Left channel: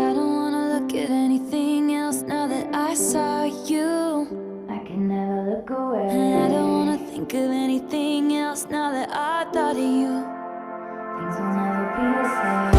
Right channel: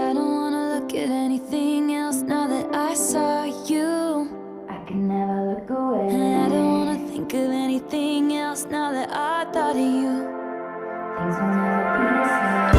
I don't wanna look at anything else now that I saw you. I can never look away. And I don't wanna think of anything else now that I thought of you. Things will never be the same.